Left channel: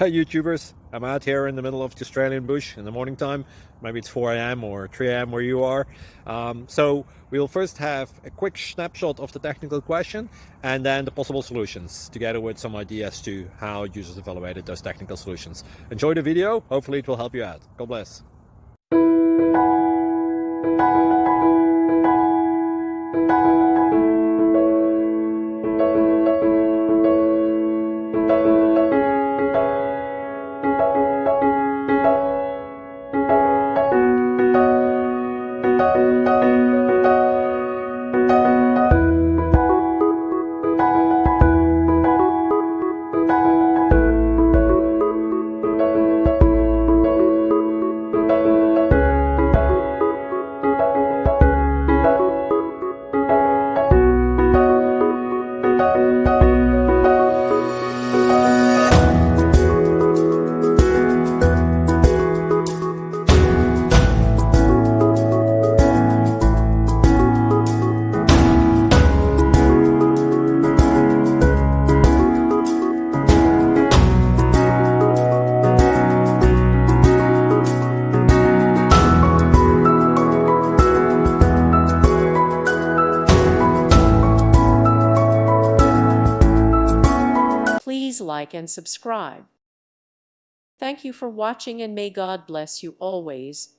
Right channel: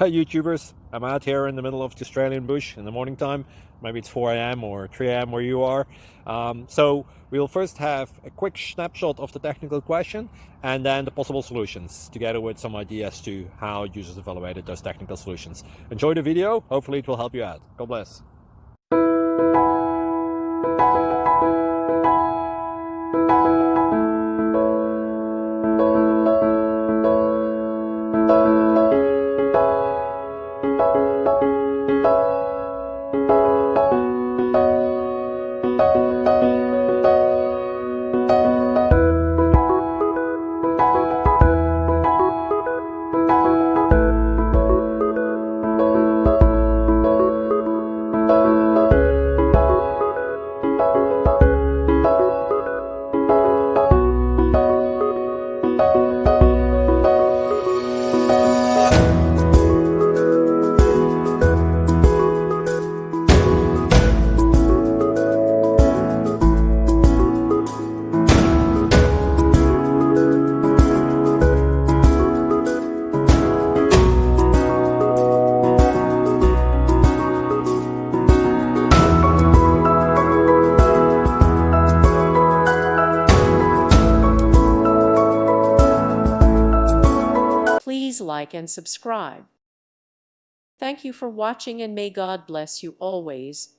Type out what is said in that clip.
Hi YouTubers, I'm out here in the middle of the Australian bush in the morning time. Maybe it's 4 a.m. or 3 a.m. where you are. So we'll first have a quick snapshot of the technical question and then the possible solutions, together with some ideas to how users evaluated those technical solutions. Enjoy the video, hopefully it will help you out. God bless. Please like and subscribe. Thank you for watching, and may God bless you always.